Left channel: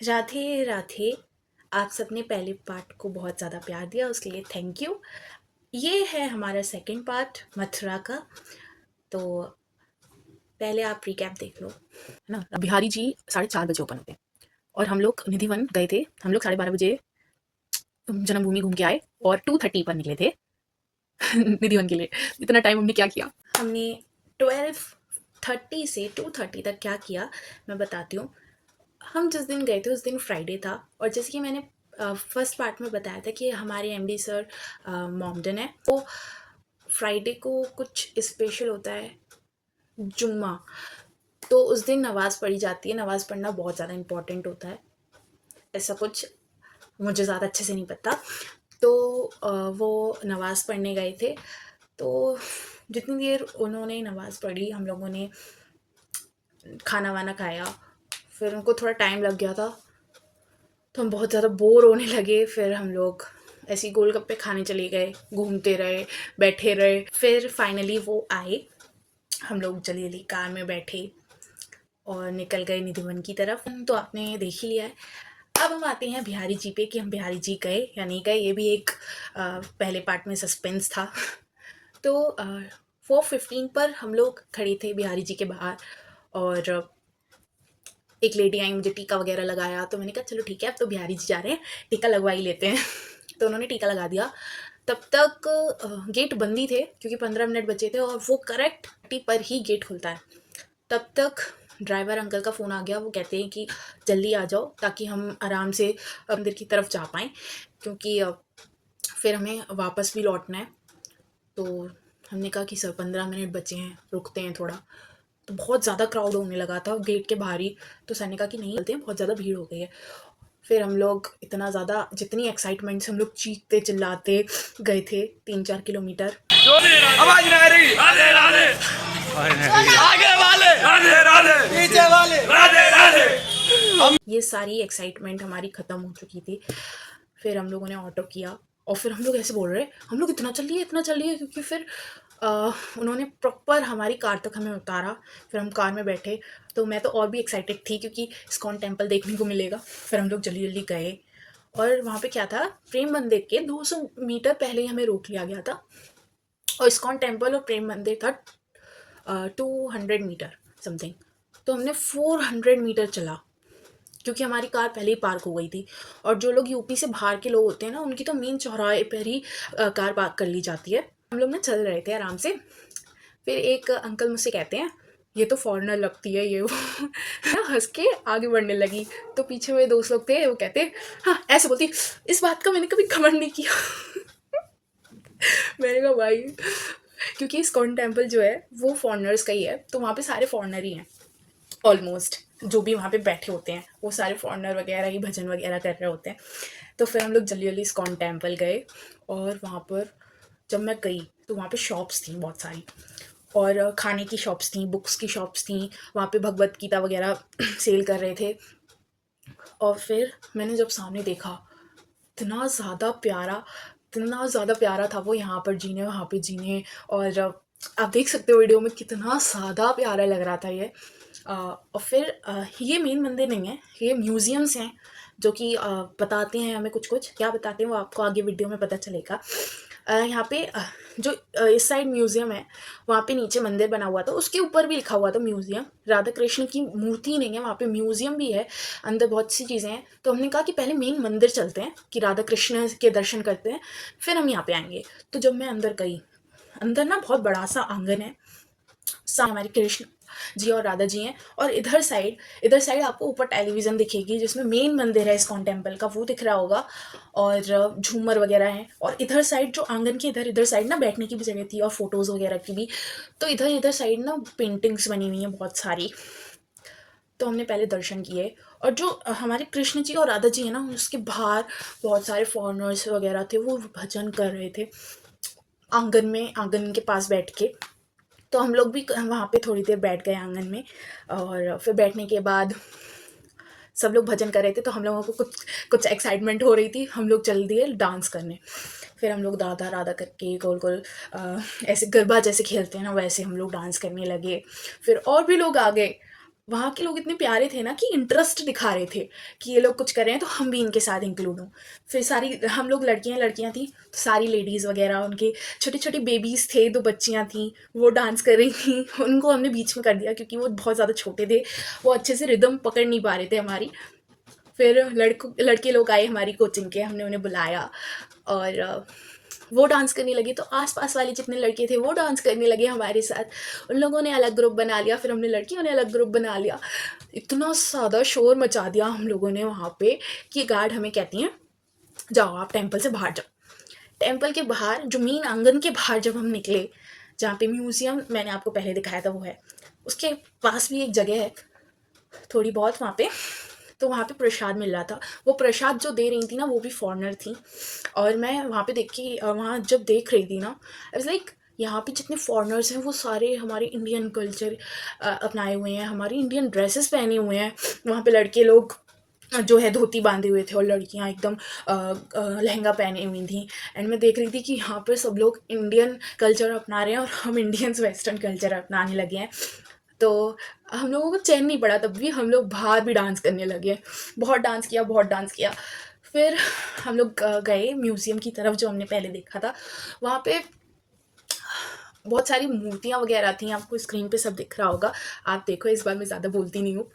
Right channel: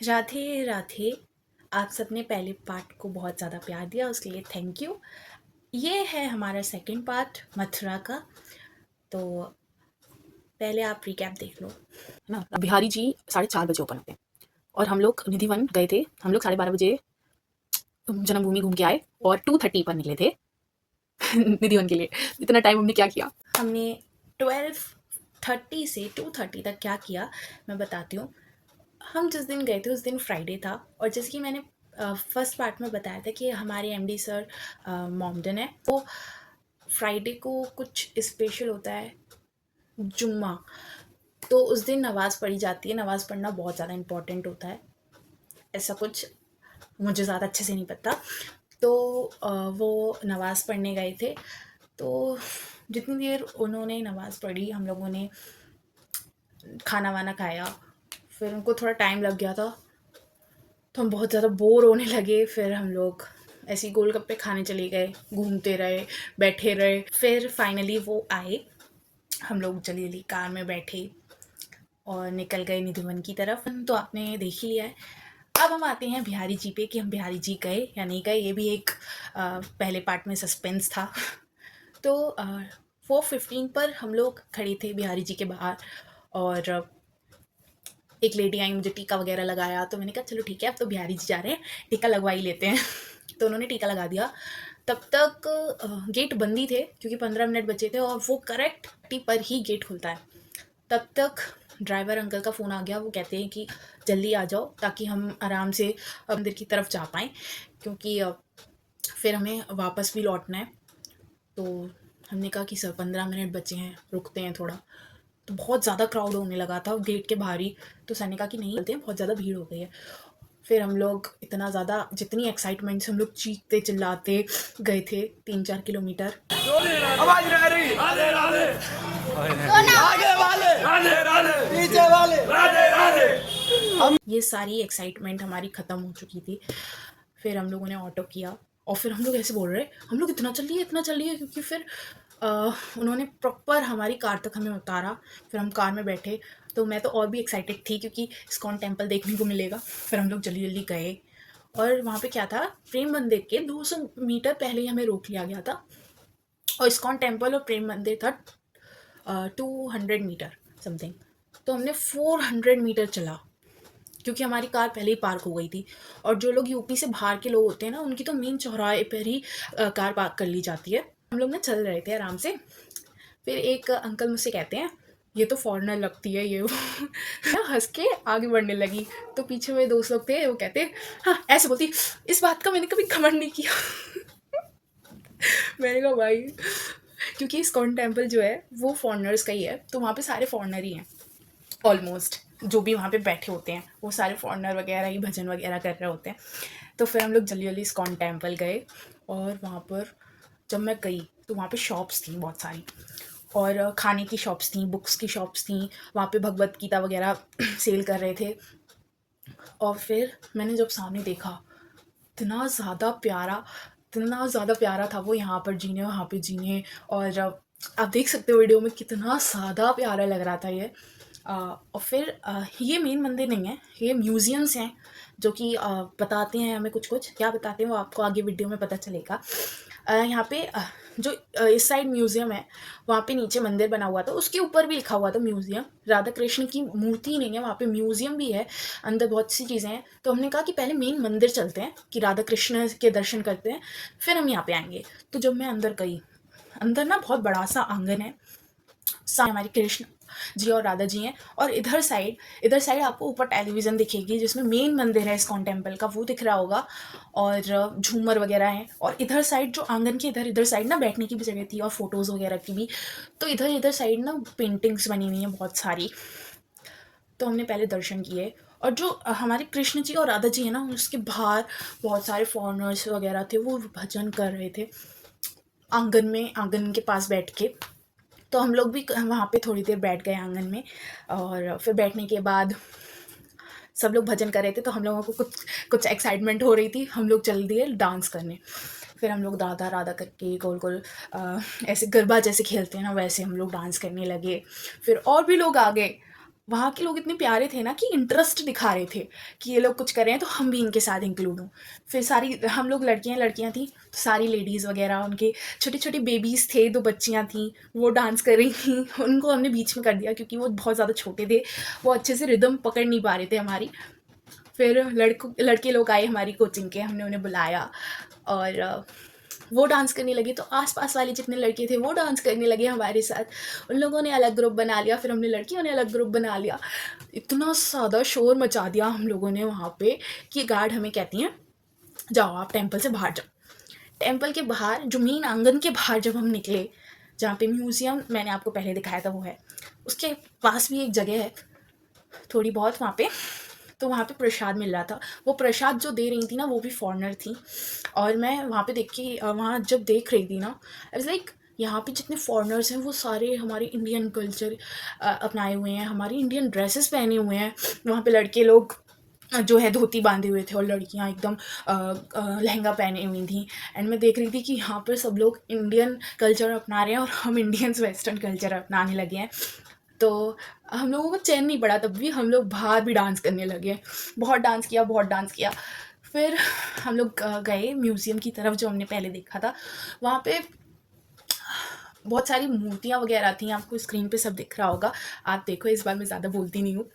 राधे राधे। आप सबने पहले पार्ट को बहुत ज़्यादा प्यार दिया, उसके लिए थैंक यू। ये है हमारा सेकंड पार्ट मथुरा का। तो पहले आप रिकैप देख लो। है ना। बिहारी जी 4:30 बजे ओपन होते हैं और हम लोग निधिवन गए थे। हम लोग 12:30 बजे जन्मभूमि घूम के आए और 2:30 पर निकले थे निधिवन के लिए। इतना टाइम हमने क्या किया? हमने 12:30 से 2:30 तक क्या किया मैं बताती हूँ। हम जिस दिन गए थे उस दिन फ्राइडे था, और जैसे कि मैंने फर्स्ट पार्ट में बताया था कि हमारे एमडी सर मॉमडन है, वो फ्राइडे को कुछ स्पेशल होता है, जुम्मा। तो उस दिन नमाज़ पढ़ी जाती है। नमाज़ पढ़ना बहुत ज़्यादा इम्पॉर्टेंट होता है, ऐसा कुछ मुझे ज़्यादा अच्छे से नहीं पता। तो वो नमाज़ पढ़ने गए थे। तो जितनी देर उन्होंने नमाज़ पढ़ी, हम लोगों ने खाना वाना खाया। फिर उनको थोड़ा टाइम लग गया था, तो हम बहुत ज़्यादा बोर होने लगे। फिर हम लोग ऐसे ही गोलगप्पे खाने चले गए, घूमते रहे, बैठे रहे। फिर फाइनली वो आए, हम लोग जल्दी जल्दी कार में बैठे और निकल गए निधिवन की तरफ। तो आपने देख ही लिया है। अब हम आते हैं बिहारी जी पे कि हम बिहारी जी गए या नहीं गए। ये भी एक पहले पार्ट में सस्पेंस था। तो 4:15 पर हम लोग खड़े थे बिहारी जी के बाहर, और एक लेडी आई, मुझे टीका वगैरह लगाया। तो मैंने कहा चलो ठीक है, अब तो बिहारी जी जा रहे हैं, टीका लगवा ही लेते हैं। तो उन्होंने टीका लगा दिया। तब तक गेट बंद ही थे, क्योंकि 15 मिनट बचे थे, और वो करेक्ट टी पर ही गेट खुलता है। तब तक ड्राइवर अंकल का फ़ोन आ गया। वो कहते हैं कि जल्दी आ जाओ ताकि हम आराम से मंदिर की तरफ जा पाएँ, क्योंकि फिर हमें वापस भी लौटना है। तो हमने कहा कि सर 15 मिनट बचे हैं, रुकते हैं थोड़ा। तो बहुत ज़्यादा क्राउड होने लगा था गेट के बाहर ही। तो सर ने कहा कि नहीं चलते हैं, बहुत ज़्यादा भीड़ हो गई है। फिर हम लोग इतना ज़्यादा, जितनी एक्साइटमेंट से हम लोग चीखते चिल्लाते गए थे 3-4 किलोमीटर। आवाज नहीं आ रही। राधे राधे आगे वाले राधे राधे पीछे वाले राधे राधे। ये सारी एक्साइटमेंट हमारी ख़त्म हो चुकी थी। फिर हम लोगों ने ऑटो किया, और फिर हम लोग ऐसे बोल रहे, हम लोग इतना चल रही है, क्योंकि फिर उन्होंने प्रॉपर हमारी कार तक हमें उतारा। फिर हम कार में बैठे। तो मैं तो और भी एक्साइटेड थी, क्योंकि इस्कॉन टेम्पल देखने को मिलेगा। फिर हम लोग जल्दी जल्दी गए, और वहाँ पे क्या था, प्रेम मंदिर के 200 मीटर पहले ही हमें रोक लिया गया था। और इस्कॉन टेम्पल और प्रेम मंदिर था 200 मीटर समथिंग। तो हमने 400 मीटर चला, क्योंकि हमारी कार पहले ही पार्क हो गई थी। और जो लोग यूपी से बाहर के लोग होते हैं ना, उनकी तो मेन चौराहे पर ही कार पार्क कर ली जाती है। हम लोग ना चल रहे थे आराम से। फिर एक अंकल मुझसे कहते हैं, ये तो फॉरेनर लगती है ये वो। ना हंस के आगे बढ़ने लगी। तो पीछे मेरे दोस्त लोग थे, वो कहते, हाँ ऐसे बोलती, इस बात का मैंने कभी घमंड नहीं किया। मैंने कहा भाई, क्योंकि इस्कॉन टेम्पल जो है वो फॉरेनर्स का ही है, तो वहाँ पे सारे फॉरेनर ही हैं ऑलमोस्ट। जो भी वहाँ पे बैठे होते हैं वो सारे फॉरेनर वगैरह ही भजन वगैरह कर रहे होते हैं। तो फिर हम लोग जल्दी जल्दी इस्कॉन टेम्पल गए, और वहाँ पर जब मैं गई तो वहाँ पे शॉप्स थी बहुत सारी, और खाने की शॉप्स थी, बुक्स की शॉप्स थी। वहाँ पे भगवत गीता वगैरह सेल कर रहे थे। और फिर मैंने जब सामने देखा, इतना ज़्यादा प्यारा था वो, यहाँ पर जीने वहाँ पे जीने। और आप देख सकते हो वीडियो में कितना ज़्यादा प्यारा लग रहा था ये। और फिर ये मेन मंदिर नहीं है, ये म्यूज़ियम्स हैं जो कि बताते हैं हमें कुछ कुछ। क्या बताते हैं वो आपको आगे वीडियो में पता चलेगा। यहाँ पे जो इस साइड म्यूज़ियम है, वहाँ पे नीचे मंदिर बना हुआ था, उसके ऊपर भी लिखा हुआ था म्यूज़ियम। राधा कृष्ण की मूर्ति नहीं है वहाँ पे, म्यूज़ियम भी है, अंदर बहुत सी चीज़ें हैं। तो हमने कहा कि पहले मेन मंदिर चलते हैं कि राधा कृष्ण के दर्शन करते हैं, फिर हम यहाँ पे आएंगे। तो जब मैं अंदर गई, अंदर ना बहुत बड़ा सा आंगन है, सामने हमारे कृष्ण जी और राधा जी हैं। और इधर साइड आपको ऊपर टेलीविज़न दिखेगी, जिसमें मेन मंदिर है इस्कॉन टेम्पल का, वो दिख रहा होगा। और झूमर वगैरह हैं। और इधर साइड जो आंगन की इधर साइड ना बैठने की भी जगह थी, और फोटोज़ वगैरह की भी। तो इधर साइड ना पेंटिंग्स बनी हुई हैं बहुत सारी। तो हमने पहले दर्शन किए। और जो हमारे कृष्ण जी और राधा जी है ना, उसके बाहर बहुत सारे फॉरेनर्स वगैरह थे, वो भजन कर रहे थे आंगन के पास बैठ के। तो हम लोग भी वहाँ पे थोड़ी देर बैठ गए आंगन में। और फिर बैठने के बाद सब लोग भजन कर रहे थे, तो हम लोगों को कुछ कुछ एक्साइटमेंट हो रही थी। हम लोग चल दिए डांस करने। फिर हम लोग राधा राधा करके गोल गोल ऐसे गरबा जैसे खेलते हैं ना, वैसे हम लोग डांस करने लगे। फिर और भी लोग आ गए, वहाँ के लोग इतने प्यारे थे ना कि इंटरेस्ट दिखा रहे थे कि ये लोग कुछ कर रहे हैं तो हम भी इनके साथ इंक्लूड हों। फिर सारी हम लोग लड़कियाँ थी, तो सारी लेडीज़ वगैरह उनके छोटे-छोटे बेबीज़ थे, 2 बच्चियाँ थीं, वो डांस कर रही थीं। उनको हमने बीच में कर दिया क्योंकि वो बहुत ज़्यादा छोटे थे, वो अच्छे से रिदम पकड़ नहीं पा रहे थे हमारी। फिर लड़के लोग आए हमारी कोचिंग के, हमने उन्हें बुलाया और वो डांस करने लगे, तो आस-पास वाले जितने लड़के थे वो डांस करने लगे हमारे साथ। उन लोगों ने अलग ग्रुप बना लिया, फिर हमने लड़कियों ने अलग ग्रुप बना लिया। इतना ज़्यादा शोर मचा दिया हम लोगों ने वहाँ पे कि गार्ड हमें कहती हैं, जाओ आप टेम्पल से बाहर जाओ। टेम्पल के बाहर जो मेन आंगन के बाहर जब हम निकले, जहाँ पे म्यूज़ियम मैंने आपको पहले दिखाया था वो है, उसके पास भी एक जगह है थोड़ी बहुत वहाँ पे, तो वहाँ पे प्रसाद मिल रहा था। वो प्रसाद जो दे रही थी ना वो भी फॉरेनर थी, और मैं वहाँ पे देख के वहाँ जब देख रही थी ना, आई वाज़ लाइक यहाँ पे जितने फॉरेनर्स हैं वो सारे हमारे इंडियन कल्चर अपनाए हुए हैं, हमारी इंडियन ड्रेसेस पहने हुए हैं। वहाँ पे लड़के लोग जो है धोती बांधे हुए थे और लड़कियाँ एकदम लहंगा पहने हुई थी। एंड मैं देख रही थी कि यहाँ पर सब लोग इंडियन कल्चर अपना रहे हैं और हम इंडियंस वेस्टर्न कल्चर अपनाने लगे हैं। तो हम लोगों को चैन नहीं पड़ा, तब भी हम लोग बाहर भी डांस करने लगे। बहुत डांस किया, बहुत डांस किया। फिर हम लोग गए म्यूज़ियम की तरफ जो हमने पहले देखा था। वहाँ पे बहुत सारी मूर्तियाँ वगैरह थी, आपको स्क्रीन पे सब दिख रहा होगा। आप देखो, इस बार मैं ज़्यादा बोलती नहीं हूँ।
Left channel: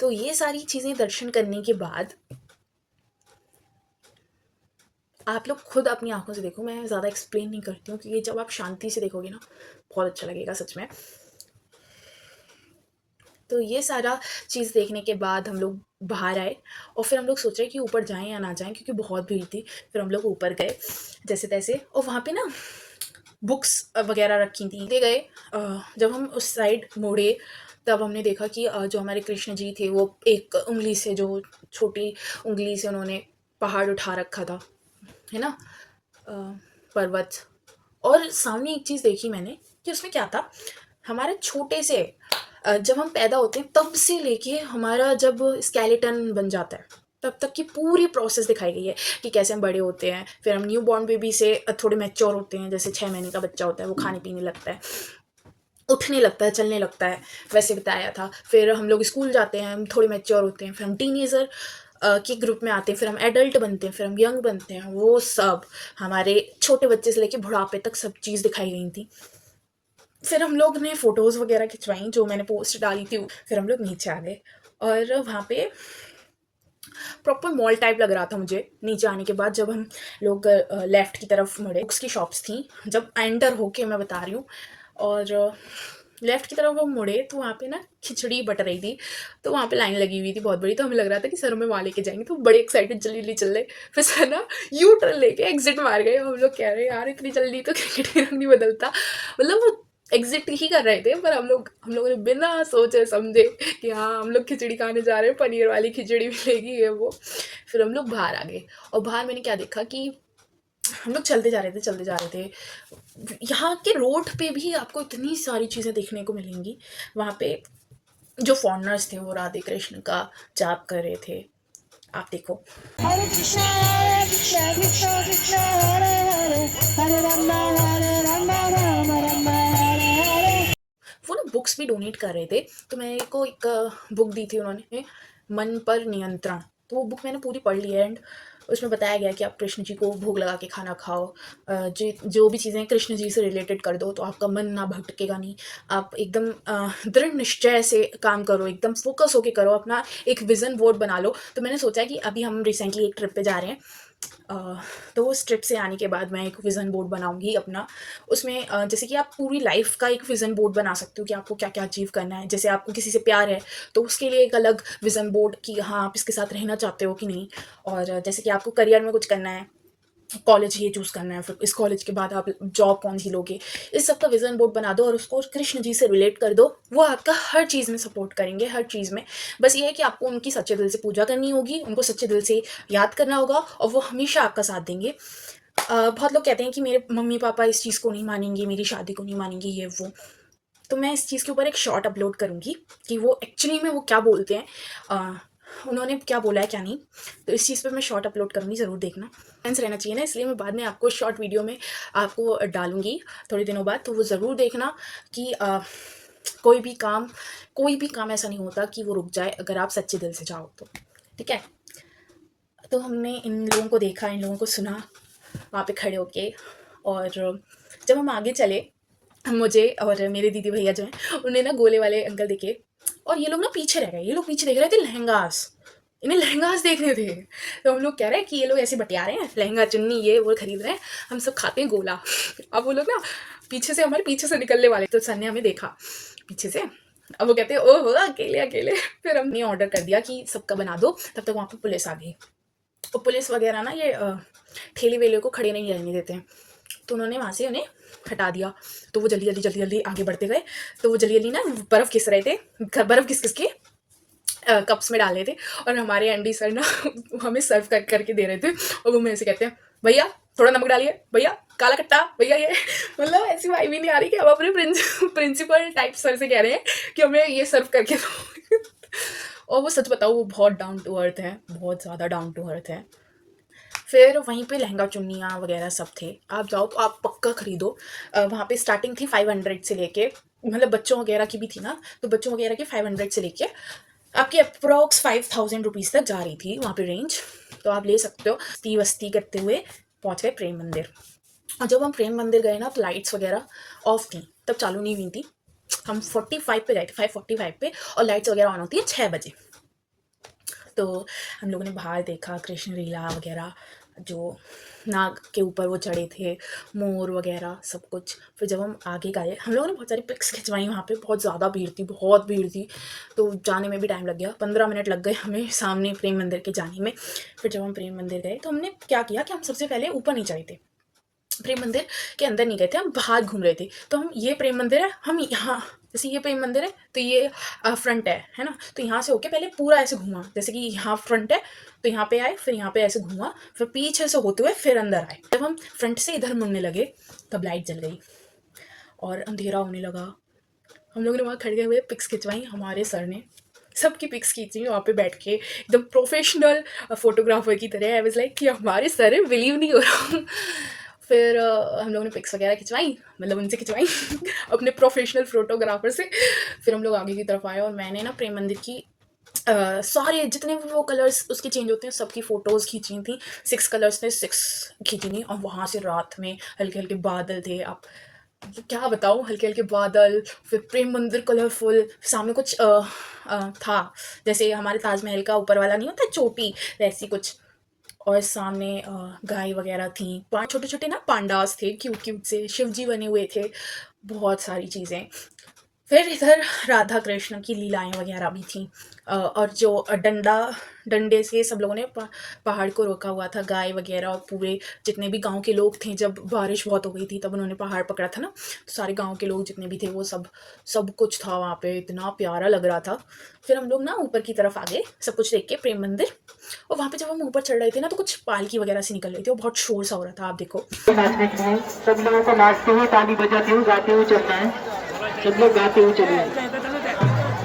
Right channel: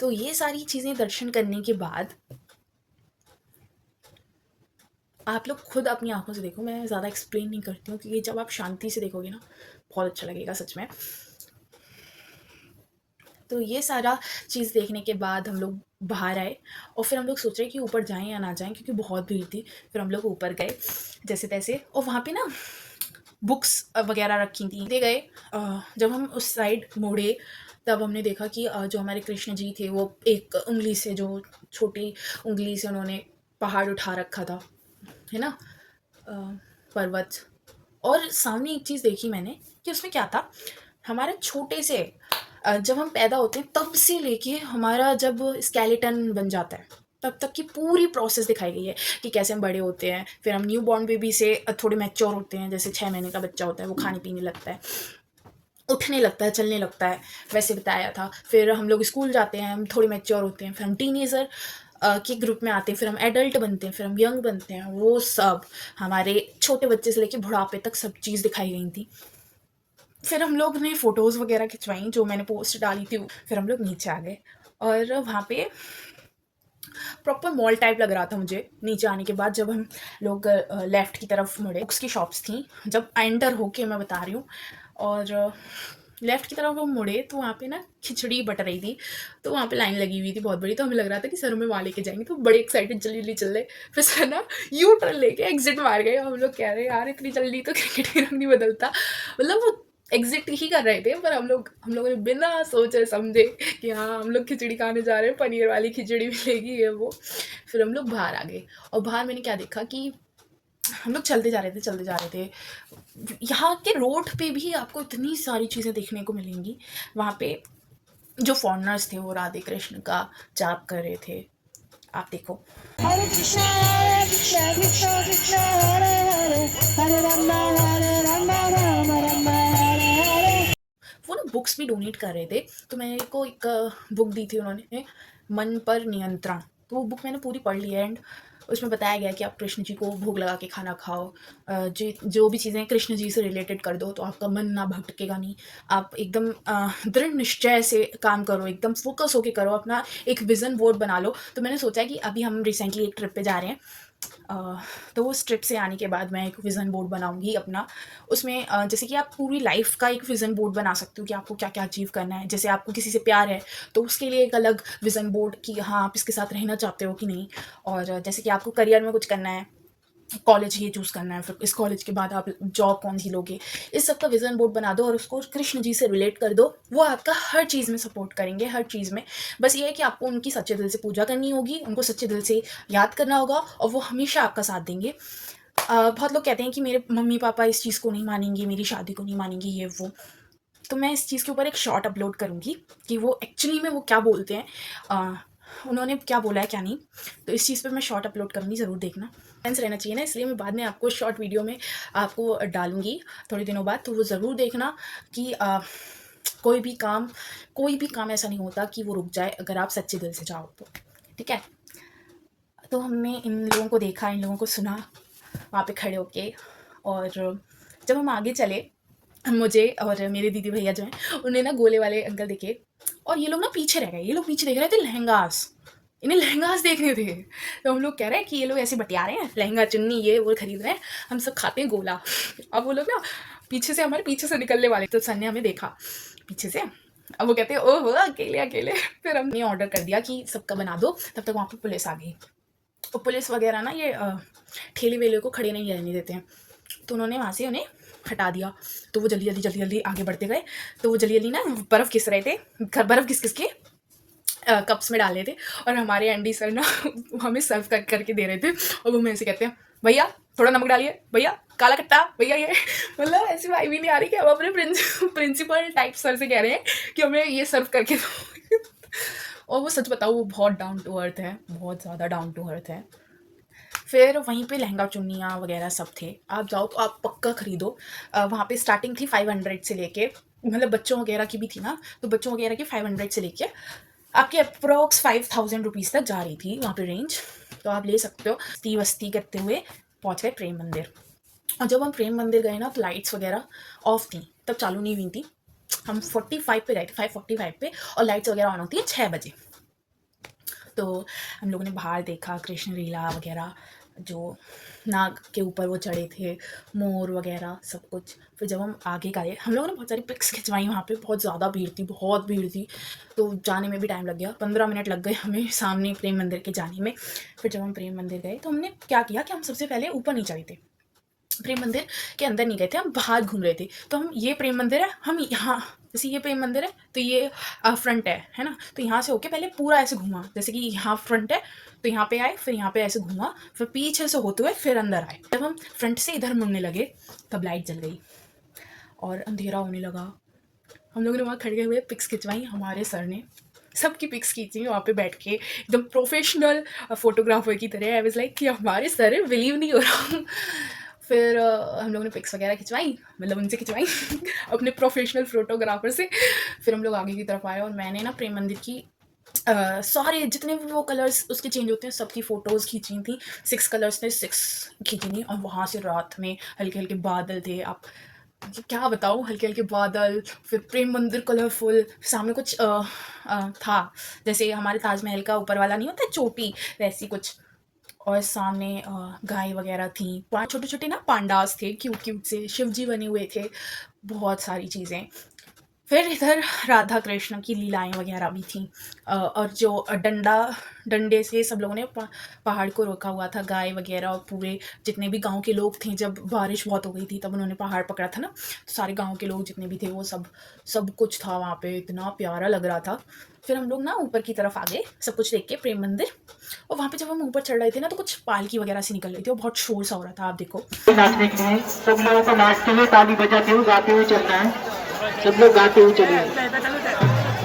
तो ये सारी चीज़ें दर्शन करने के बाद आप लोग खुद अपनी आँखों से देखो, मैं ज़्यादा एक्सप्लेन नहीं करती हूँ क्योंकि जब आप शांति से देखोगे ना, बहुत अच्छा लगेगा सच में। तो ये सारा चीज़ देखने के बाद हम लोग बाहर आए और फिर हम लोग सोच रहे कि ऊपर जाएँ या ना जाएँ क्योंकि बहुत भीड़ थी। फिर हम लोग ऊपर गए जैसे-तैसे, और वहाँ पे ना बुक्स वगैरह रखी थी। ले गए जब हम उस साइड मुड़े तब हमने देखा कि जो हमारे कृष्ण जी थे वो एक उँगली से, जो छोटी उँगली से उन्होंने पहाड़ उठा रखा था, है ना? अ, पर्वत। और सामने एक चीज़ देखी मैंने कि उसमें क्या था, हमारे छोटे से जब हम पैदा होते हैं तब से लेके हमारा जब स्केलेटन बन जाता है तब तक की पूरी प्रोसेस दिखाई गई है कि कैसे हम बड़े होते हैं। फिर हम न्यू बॉर्न बेबी से थोड़े मैच्योर होते हैं, जैसे 6 महीने का बच्चा होता है वो खाने पीने लगता है, उठने लगता है, चलने लगता है, वैसे बताया था। फिर हम लोग स्कूल जाते हैं, हम थोड़े मैच्योर होते हैं, फिर हम टीनेजर की ग्रुप में आते हैं, फिर हम एडल्ट बनते हैं, फिर हम यंग बनते हैं। वो सब हमारे छोटे बच्चे से लेके बुढ़ापे तक सब चीज़ दिखाई गई थी। फिर हम लोग ने फ़ोटोज़ वगैरह खिंचवाई जो मैंने पोस्ट डाली थी। फिर हम लोग नीचे आ गए और वहाँ पे प्रॉपर मॉल टाइप लग रहा था मुझे। नीचे आने के बाद जब हम लोग लेफ़्ट की तरफ मुड़े, बुक्स की शॉप्स थी, जब एंटर होके मैं बता रही हूँ, और लेफ़्ट की तरफ हम मुड़े तो वहाँ पे ना खिचड़ी बट रही थी, तो वहाँ पे लाइन लगी हुई थी बहुत बड़ी, तो हमें लग रहा था कि सर हमें वहाँ लेके जाएँगे, तो बड़े एक्साइटेड जल्दी-जल्दी चल रहे। फिर सर ना यू टर्न लेके एग्ज़िट मार गए। हम लोग कह रहे हैं यार इतनी जल्दी तो क्रिकेट ही रंग नहीं बदलता। मतलब वो एग्ज़िट ही कर रहे थे, पर हम लोगों ने बिना सोचे समझे कि हाँ, हम लोग खिचड़ी खाने जा रहे हैं, पनीर वाली खिचड़ी मिलेगी ये वो। फिर हम लोग बाहर आ गए और बाहर मैंने क्या देखा कि हम लोग चलते जा रहे थे। यहाँ के रोड पे भी आपको इतनी सारी चीज़ें देखने को मिलेंगी। वहाँ पे जो फॉरेनर्स थे वो राधे कृष्ण का जाप कर रहे थे। आप देखो। Hare Krishna, Krishna Krishna Krishna, Hare Hare, Hare Rama, Hare Rama, Rama Rama, Hare Hare. वो ना बुक्स भी डोनेट कर रहे थे, तो मेरे को एक बुक दी थी उन्होंने, मन पर नियंत्रण। तो वो बुक मैंने पूरी पढ़ ली है, एंड उसमें बताया गया कि आप कृष्ण जी को भोग लगा के खाना खाओ, जो भी चीज़ें कृष्ण जी से रिलेटेड कर दो तो आपका मन ना भटकेगा नहीं। आप एकदम दृढ़ निश्चय से काम करो, एकदम फोकस होके करो, अपना एक विज़न बोर्ड बना लो। तो मैंने सोचा कि अभी हम रिसेंटली एक ट्रिप पे जा रहे हैं, तो उस ट्रिप से आने के बाद मैं एक विज़न बोर्ड बनाऊँगी अपना। उसमें जैसे कि आप पूरी लाइफ़ का एक विज़न बोर्ड बना सकते हो कि आपको क्या-क्या अचीव करना है। जैसे आपको किसी से प्यार है, तो उसके लिए एक अलग विज़न बोर्ड कि हाँ, आप इसके साथ रहना चाहते हो कि नहीं। और जैसे कि आपको करियर में कुछ करना है, कॉलेज ये चूज़ करना है, फिर इस कॉलेज के बाद आप जॉब कौन-सी लोगे। इस सब का विज़न बोर्ड बना दो और उसको कृष्ण जी से रिलेट कर दो। वो आपका हर चीज़ में सपोर्ट करेंगे, हर चीज़ में। बस ये है कि आपको उनकी सच्चे दिल से पूजा करनी होगी, उनको सच्चे दिल से याद करना होगा और वो हमेशा आपका साथ देंगे। बहुत लोग कहते हैं कि मेरे मम्मी-पापा इस चीज़ को नहीं मानेंगे, मेरी शादी को नहीं मानेंगे, ये वो। तो मैं इस चीज़ के ऊपर एक शॉर्ट अपलोड करूँगी कि वो एक्चुअली में वो क्या बोलते हैं, उन्होंने क्या बोला है, क्या नहीं। तो इस चीज़ पे मैं शॉर्ट अपलोड करूँगी, ज़रूर देखना। बैलेंस रहना चाहिए ना, इसलिए मैं बाद में आपको शॉर्ट वीडियो में आपको डालूँगी थोड़े दिनों बाद, तो वो ज़रूर देखना कि कोई भी काम ऐसा नहीं होता कि वो रुक जाए अगर आप सच्चे दिल से चाहो तो, ठीक है? तो हमने इन लोगों को देखा, इन लोगों को सुना वहाँ पे खड़े होके, और जब हम आगे चले, मुझे और मेरे दीदी भैया जो हैं उन्हें ना गोले वाले अंकल दिखे, और ये लोग ना पीछे रह गए। ये लोग पीछे देख रहे थे लहंगास, इन्हें लहंगास देखने थे। तो हम लोग कह रहे हैं कि ये लोग ऐसे बतिया रहे हैं, लहंगा चुन्नी ये वो खरीद रहे हैं, हम सब खाते हैं गोला। अब वो लोग ना हमारे पीछे से निकलने वाले, तो सर ने हमें देखा पीछे से। अब वो कहते हैं ओहो अकेले अकेले। फिर हमने ऑर्डर कर दिया कि सबका बना दो, तब तक वहाँ पे पुलिस आ गई। और पुलिस वगैरह ना ये ठेले वेले को खड़े नहीं रहने देते हैं, तो उन्होंने वहाँ से उन्हें हटा दिया। तो वो जल्दी आगे बढ़ते गए। तो वो जल्दी ना बर्फ़ घिस रहे थे, बर्फ़ घिस के कप्स में डाल रहे थे, और हमारे एमडी सर ना हमें सर्व करके दे रहे थे। और वो मेरे से कहते हैं भैया थोड़ा नमक डालिए, भैया काला खट्टा, भैया ये। मतलब ऐसी वाइब ही नहीं आ रही कि हम अपने प्रिंसिपल टाइप सर से कह रहे हैं कि हमें ये सर्व करके दो। और वो सच बताओ वो बहुत डाउन टू अर्थ है, बहुत ज़्यादा डाउन टू अर्थ है। फिर वहीं पे लहंगा चुन्नियाँ वगैरह सब थे, आप जाओ तो आप पक्का खरीदो। वहाँ पे स्टार्टिंग थी 500 से लेके, मतलब बच्चों वगैरह की भी थी ना, तो बच्चों वगैरह की 500 से लेके आपकी अप्रॉक्स 5000 रुपीज़ तक जा रही थी वहाँ पे रेंज। तो आप ले सकते हो। मस्ती वस्ती करते हुए पहुँच गए प्रेम मंदिर। और जब हम प्रेम मंदिर गए ना, तो लाइट्स वगैरह ऑफ थी, तब चालू नहीं हुई थी। हम 45 पे गए थे, 5:45 पे, और लाइट्स वगैरह ऑन होती हैं 6 बजे। तो हम लोगों ने बाहर देखा कृष्ण लीला वगैरह, जो नाग के ऊपर वो चढ़े थे, मोर वगैरह सब कुछ। फिर जब हम आगे गए, हम लोगों ने बहुत सारी पिक्स खिंचवाई। वहाँ पे बहुत ज़्यादा भीड़ थी, बहुत भीड़ थी, तो जाने में भी टाइम लग गया। 15 मिनट लग गए हमें सामने प्रेम मंदिर के जाने में। फिर जब हम प्रेम मंदिर गए, तो हमने क्या किया कि हम सबसे पहले ऊपर नहीं चढ़े थे, प्रेम मंदिर के अंदर नहीं गए थे, हम बाहर घूम रहे थे। तो हम ये प्रेम मंदिर है, हम यहाँ, जैसे ये प्रेम मंदिर है तो ये फ्रंट है ना, तो यहाँ से होके पहले पूरा ऐसे घूमा, जैसे कि यहाँ फ्रंट है तो यहाँ पे आए, फिर यहाँ पे ऐसे घूमा, फिर पीछे से होते हुए फिर अंदर आए। जब हम फ्रंट से इधर मुड़ने लगे, तब लाइट जल गई और अंधेरा होने लगा। हम लोगों ने वहाँ खड़े हुए पिक्स खिंचवाई, हमारे सर ने सबकी पिक्स खींची वहाँ पे बैठ के, एकदम प्रोफेशनल फोटोग्राफर की तरह। आई वाज लाइक कि हमारे सर है, बिलीव नहीं हो रहा। फिर हम लोगों ने पिक्स वगैरह खिंचवाई, मतलब उनसे खिंचवाई अपने प्रोफेशनल फोटोग्राफर से। फिर हम लोग आगे की तरफ आए, और मैंने ना प्रेम मंदिर की सारे जितने भी वो कलर्स उसके चेंज होते हैं सबकी फ़ोटोज़ खींची थी। 6 कलर्स ने 6 खींची थी। और वहाँ से रात में हल्के हल्के बादल थे, आप क्या बताऊँ, हल्के हल्के बादल, फिर प्रेम मंदिर कलरफुल, सामने कुछ था जैसे हमारे ताजमहल का ऊपर वाला नहीं होता चोटी, वैसी कुछ। और सामने गाय वगैरह थी, छोटे छोटे ना पांडास थे, क्यूट क्यूट से शिव जी बने हुए थे, बहुत सारी चीज़ें। फिर इधर राधा कृष्ण की लीलाएं वगैरह भी थी। और जो डंडे से सब लोगों ने पहाड़ को रोका हुआ था, गाय वगैरह, और पूरे जितने भी गांव के लोग थे, जब बारिश बहुत हो गई थी तब उन्होंने पहाड़ पकड़ा था ना, तो सारे गांव के लोग जितने भी थे वो सब कुछ था वहाँ पे, इतना प्यारा लग रहा था। फिर हम लोग ना ऊपर की तरफ आ गए सब कुछ देख के प्रेम मंदिर। और वहाँ पे जब हम ऊपर चढ़ रहे थे ना, तो कुछ पालकी वगैरह से निकल रही थी और बहुत शोर सा हो रहा था, आप देखो। नाचने के लिए सब लोगों को नाचते हुए, ताली बजाते हुए, गाते हुए चलना है। सब लोग गाते हुए चलिए।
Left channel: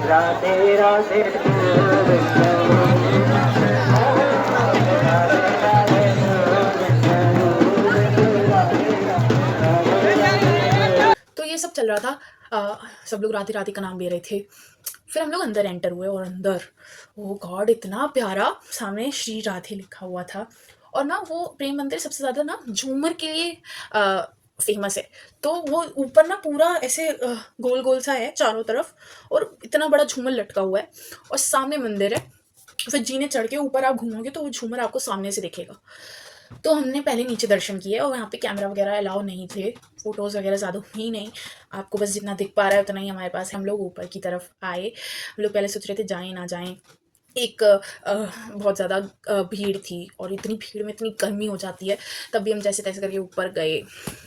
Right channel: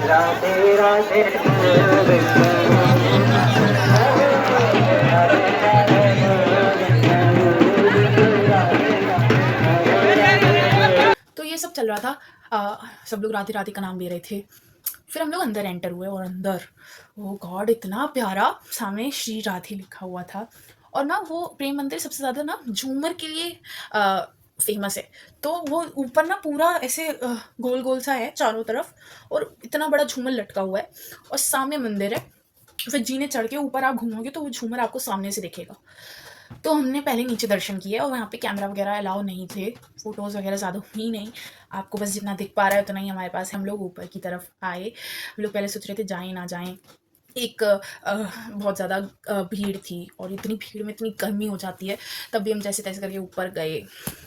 राधे राधे तो ये सब चल रहा था। सब लोग राधे राधे का नाम ले रहे थे। फिर हम लोग अंदर एंटर हुए, और अंदर ओ गॉड इतना प्यारा, सामने श्री राधे लिखा हुआ था। और ना वो प्रेम मंदिर सबसे ज़्यादा ना झूमर के लिए फेमस है। तो वो ऊपर ना पूरा ऐसे गोल गोल सा है चारों तरफ, और इतना बड़ा झूमर लटका हुआ है, और सामने मंदिर है। फिर जीने चढ़ के ऊपर आप घूमोगे तो वो झूमर आपको सामने से दिखेगा। तो हमने पहले नीचे दर्शन किए, और यहाँ पे कैमरा वगैरह अलाउ नहीं थे, फ़ोटोज़ वगैरह ज़्यादा हुई नहीं, आपको बस जितना दिख पा रहा है उतना ही हमारे पास है। हम लोग ऊपर की तरफ आए, हम लोग पहले सोच रहे थे जाएँ ना जाएँ, एक बहुत ज़्यादा भीड़ थी, और इतनी भीड़ में इतनी गर्मी हो जाती है, तब भी हम जैसे तैसे करके ऊपर गए।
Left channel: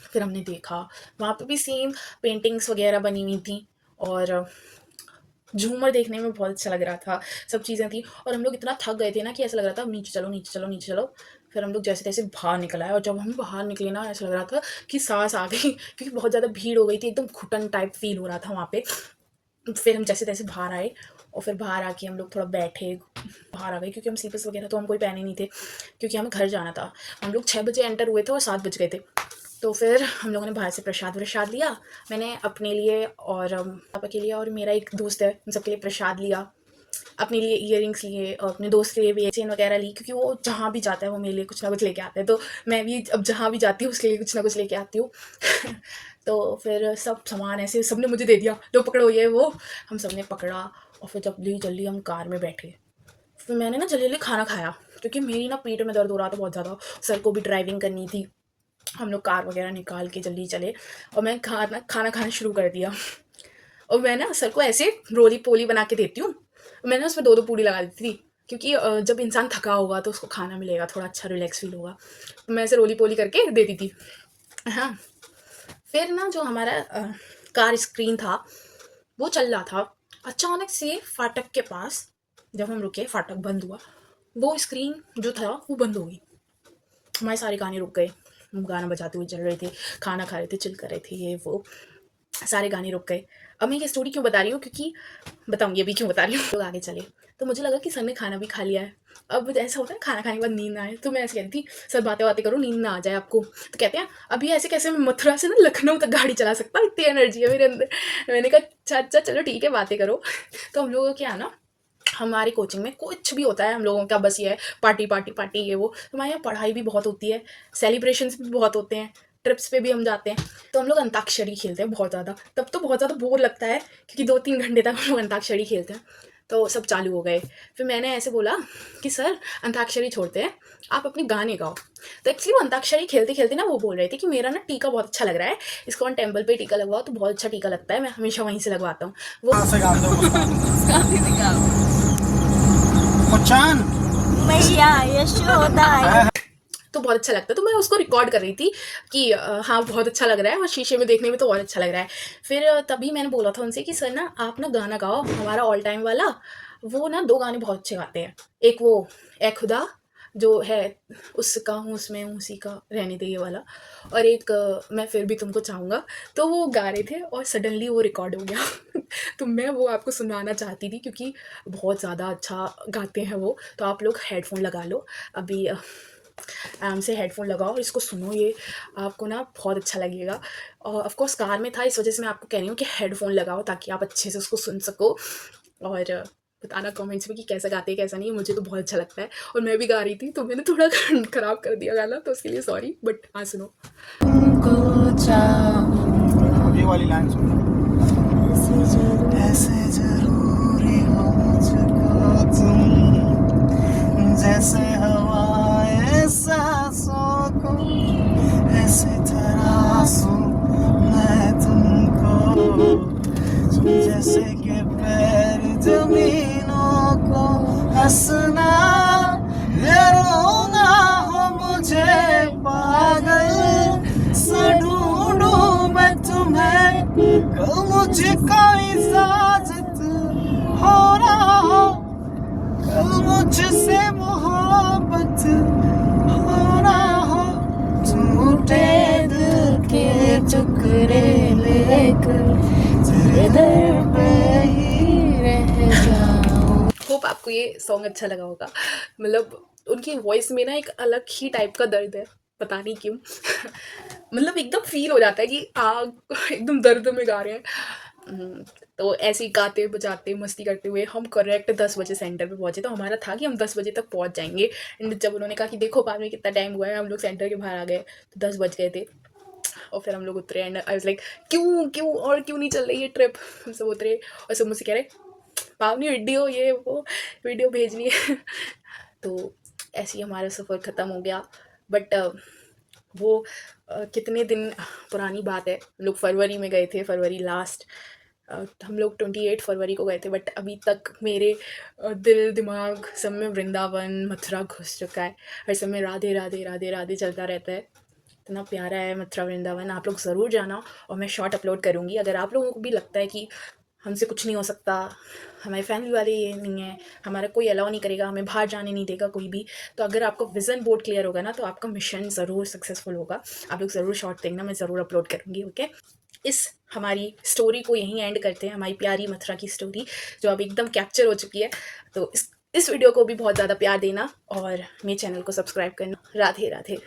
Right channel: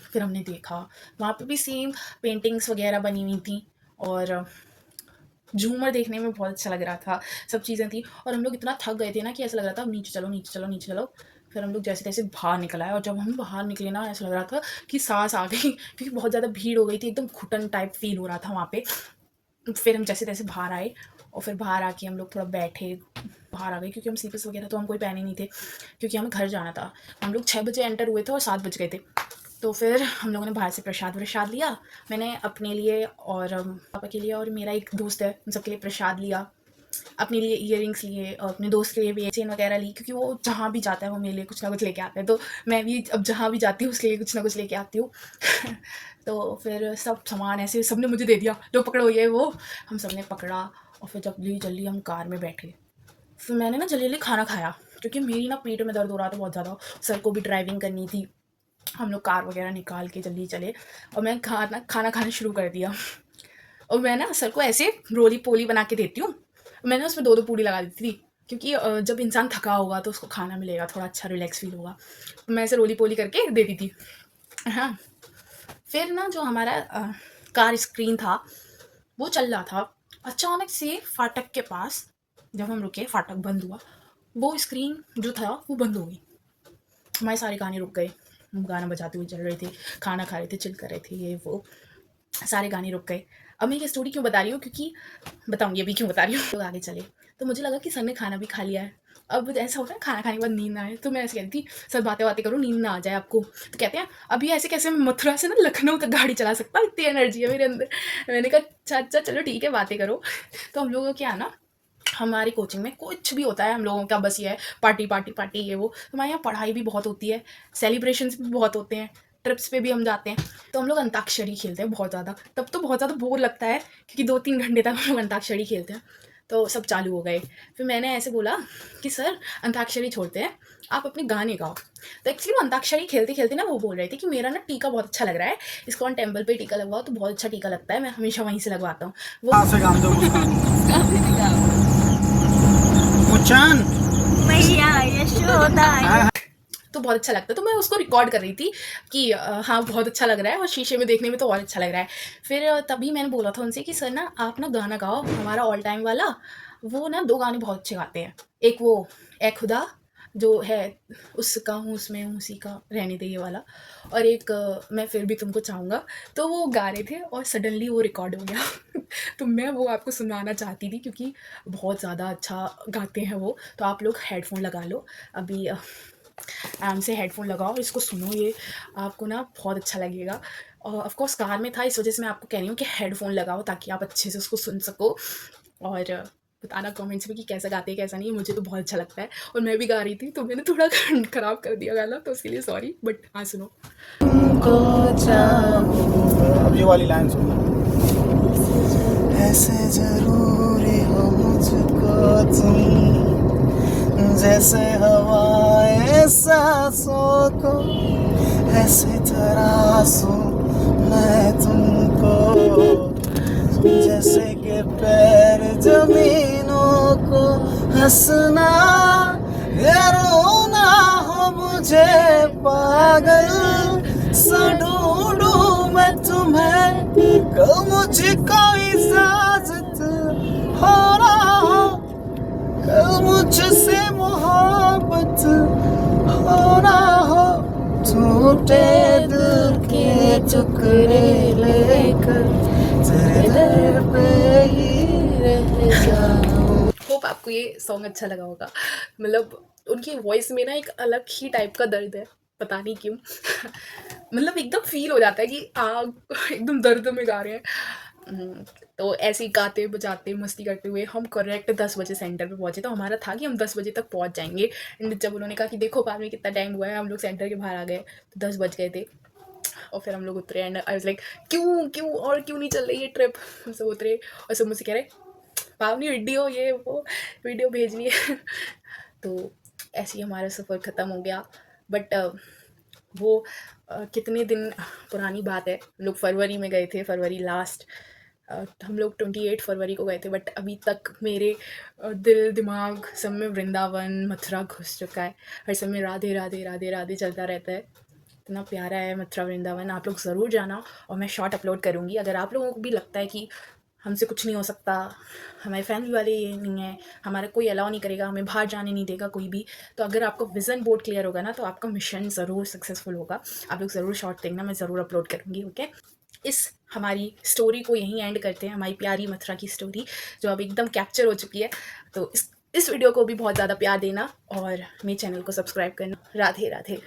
फिर हमने देखा वहाँ पे भी सेम पेंटिंग्स वगैरह बनी हुई थी, और झूमर देखने में बहुत अच्छा लग रहा था, सब चीज़ें थी। और हम लोग इतना थक गए थे ना कि ऐसा लग रहा था नीचे चलो नीचे चलो नीचे चलो। फिर हम लोग जैसे तैसे बाहर निकल आए, और जब हम बाहर निकले ना, ऐसा लग रहा था कि सांस आ गई, क्योंकि बहुत ज़्यादा भीड़ हो गई थी, एकदम घुटन टाइप फील हो रहा था वहाँ पे। फिर हम जैसे तैसे बाहर आए, और फिर बाहर आके हम लोग थोड़ा बैठे, बाहर आ गए क्योंकि हम स्लीपर्स वगैरह तो हम कोई पहने नहीं थे क्योंकि हमें घर जाना था। हम लोग 6 बजे एंटर हुए थे और 7 बज गए थे। तो फिर हम लोगों ने बाहर से प्रसाद लिया। मैंने अपने लिए और पापा के लिए और मेरा एक दोस्त है, उन सबके लिए प्रसाद लिया। अपने लिए ईयरिंग्स लिए और अपने दोस्त के लिए भी चेन वगैरह ली, क्योंकि वो जहाँ भी जाता है वो मेरे लिए कुछ ना कुछ लेके आता है। तो मैं भी अब जहाँ भी जाती हूँ उसके लिए कुछ ना कुछ लेके आती हूँ। तो फिर सब सामान ऐसे सबने मुझे दे दिया, लो पकड़ो ये वो। हम सब ने पकड़ा और फिर जल्दी जल्दी हम कार में बैठे। फिर मैंने ना जल्दी खाना खाया क्योंकि मेरी ना पेट में दर्द हो रहा था बहुत ज़्यादा। सर को भी ड्राइविंग करनी थी। हम लोग कार वगैरह निकाल के जल्दी चले और मैं खाना खाना शुरू कर दिया। और मैं ना सर को ऐसे रोली पोली बना के देती हूँ। मैंने उसमें 2-2 पूड़ी लगा देती थी क्योंकि जब इंसान थका होगा तो उसको खाना मिलेगा, थोड़ा अच्छा रिलैक्स फील होगा। तो मैं ऐसे रोली पोली करके देती थी। हाँ, फिर ना जो हमारा कार स्क्रीन था वो चल रहा था। अचानक से फाटक के पास जब हम रुके, फाटक बंद हुआ, वो स्क्रीन जो था वो बंद हो गई। हमारे सारे गाने रुक गए। हम गाना बजाते हुए चल रहे थे, खाना खा रहे थे, चिल कर रहे थे, ये वो सारे गाने रुक गए। अब मैं ये स्टोरी क्यों बता रही हूँ, क्योंकि बताऊँगी अभी क्यों बता रही हूँ। लोग आगे चले तो मुझे लगा कि सर ने खाना भी खा लिया है। अब ऐसा होता है खाना खाने के बाद नींद ना आए, तो मैं ऐसे कहती थी सर बातें बातें करो, नींद ना आ जाए आपको। तो कहते हैं अभी ऐसे कैसे मैं मथुरा से ना लखनऊ तक गाड़ी चला सकता, इतनी एनर्जी है मेरे अंदर। मैंने कहा अच्छा अच्छा चलो ठीक है बातें करो। तो हम लोगों क्या ना, हमारी कोचिंग में कुछ भी होता है हम लोगों का बस ये है पार्टी पार्टी पार्टी ये वो। हमारे यहाँ पढ़ाई भी बहुत होती है, सेलिब्रेशंस भी बहुत होते हैं, ट्रिप्स पे भी हम जाते हैं। तो हम लोग अंताक्षरी खेलते हैं बहुत ज़्यादा। तब तो बहुत ज़्यादा बोर लगता है क्योंकि 2-3 घंटे तक हम लोग अंताक्षरी खेलते हैं। तो सब चालू हो गए। फिर मैंने ऐसे बोला कि सर अंताक्षरी छोड़ते हैं, आप अपने गाने गाओ। तो एक्चुअली वो अंताक्षरी खेलते खेलते ना वो बोल रहे थे कि मेरा ना टीका बहुत अच्छा लग रहा है, इस्कॉन टेम्पल पे टीका लगवाओ तो बहुत अच्छा टीका लगता है, मैं हमेशा वहीं से लगवाता हूँ। वो मैया यशोदा। तो बहुत अच्छा लगता है। तो मैं उसको रिकॉर्ड कर रही थी कि हाँ बहुत अच्छा लग रहा है और शीशे में देखने में तो और अच्छा लग रहा है। फिर तभी मैंने बोला था उनसे कि सर ना आप ना गाना गाओ हमारा ऑल टाइम वाला। वो ना 2 गाने बहुत अच्छे गाते हैं। एक वो ए खुदा जो है, उसका हूँ उसमें हूँ उसी का रहने दे ये वाला, और एक मैं फिर भी तुमको चाहूँगा। तो वो गा रहे थे और सडनली वो रिकॉर्ड हो गया। तो मैं वो आपको सुनाना चाहती थी क्योंकि बहुत ज़्यादा अच्छा गाते हैं वो। तो आप लोग हेडफोन लगा लो अभी, आराम से हेडफोन लगाओ और इसको सुनो, ये आपको ना बहुत अच्छा लगेगा। और ऑफ कोर्स कार में था, इस वजह से मैं आपको कह रही हूँ कि हेडफोन लगाओ ताकि आप अच्छे से उसको सुन सको। और बताना कमेंट्स में कि कैसा गाते हैं कैसा नहीं। मुझे तो बहुत अच्छा लगता है और मैं भी गा रही थी तो मैंने थोड़ा ख़राब कर दिया गाना, तो उसके लिए सॉरी, बट हाँ सुनो। ये वाली लाइन सुनो। ऐसे जरूरी हो मुझको तुम, जैसे हवाए सांसों को, ऐसे तरासूं मैं तुमको, जैसे कि पैर जमीनों को। हंसना या रोना हो मुझे पागल सा ढूंढूं मैं तुम्हें, कल मुझको इजाजत हो रहा हो, कल मुझसे मोहब्बत हो रहा हो, टूटे दिल के टुकड़े लेकर तेरे दर पे ही रह जाऊं। होप आपको ये सॉन्ग अच्छा लगा होगा। मतलब उनकी वॉइस में ना एक अलग ही टाइप का दर्द है, पता नहीं क्यों। मतलब एकदम फील हो जाता है कि आग एकदम दर्द में गा रहे हैं। तो ऐसे ही गाते बजाते मस्ती करते हुए हम करेक्ट 10 बजे सेंटर पे पहुंचे। तो हमारा था कि हम 10 बजे तक पहुंच जाएंगे। एंड जब उन्होंने कहा कि देखो बाद में कितना टाइम हुआ है, हम लोग सेंटर के बाहर आ गए तो 10 बज गए थे। और फिर हम लोग उतरे एंड आई वाज लाइक क्यों क्यों और क्यों नहीं चल रही है ट्रिप। हम सब उतरे और सब मुझसे कह रहे पावनी वीडियो ये वो वीडियो भेजनी है। तो ऐसे ही हमारा सफ़र ख़त्म हो गया। बट वो कितने दिन पुरानी बात है। हम लोग फरवरी में गए थे, फरवरी लास्ट। हम लोग 28 फरवरी को गए थे, बट अभी तक मेरे दिल दिमाग सब में वृंदावन मथुरा घुस चुका है। हर समय राधे राधे राधे राधे चलता रहता है। इतना प्यारा है मथुरा वृंदावन, आप लोग ज़रूर जाना। और मैं शॉर्ट अपलोड करूँगी। अगर आप लोगों को भी लगता है कि हमसे कुछ नहीं हो सकता, हमारे फैमिली वाले ये नहीं है, हमारा कोई अलाउ नहीं करेगा, हमें बाहर जाने नहीं देगा कोई भी, तो अगर आपका विज़न बोर्ड क्लियर होगा ना तो आपका मिशन ज़रूर सक्सेसफुल होगा। आप लोग ज़रूर शॉर्ट देखना, मैं ज़रूर अपलोड करूँगी। ओके, इस हमारी स्टोरी को यहीं एंड करते हैं, हमारी प्यारी मथुरा की स्टोरी जो अब एकदम कैप्चर हो चुकी है। तो इस वीडियो को भी बहुत ज़्यादा प्यार देना और मेरे चैनल को सब्सक्राइब करना। राधे राधे।